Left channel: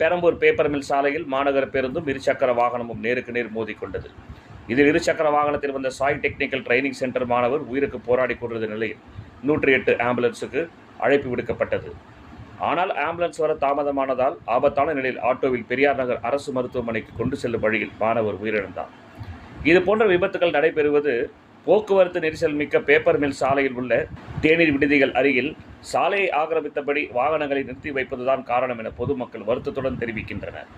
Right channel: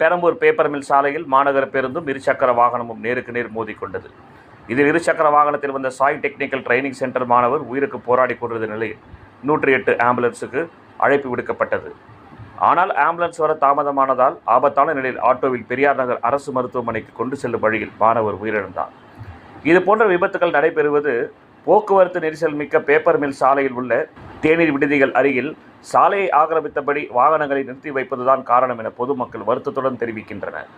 Perambur paper mill சாலையில் மாநகர பேருந்தும் இருசக்கர வாகனமும் நேருக்கு நேர் மோதிக்கொண்டது. இதில் இருசக்கர வாகனத்தில் வந்த சாய் டெக்னிக்கல் ட்ரைனிங் சென்டர் மாணவர் உயிருக்கு போராடி கொண்டிருந்த நிலையில் 108 ஆம்புலன்ஸுக்கு அழைப்பு விடுக்கப்பட்டது. ஆனால் ஆம்புலன்ஸ் வர தாமதமானதால் ஆபத்தான நிலையில் ஆட்டோவில் பெரியார் நகர் அரசு மருத்துவமனைக்கு கொண்டு செல்லும் வழியில் மாணவர் உயிரிழந்தார். இதுபோன்ற விபத்துகள் நடைபெறுவது போக்குவரத்து நெரிசல் மிக்க பேப்பர் மில் சாலையில் உள்ள தேநீர் விடுதிகள் அருகில் சாலையை ஆக்கிரமித்தபடி வாகனங்களை நிறுத்தி வைப்பதுதான் காரணம் என பொதுமக்கள் வருத்தத்துடன் தெரிவிக்கின்றனர்.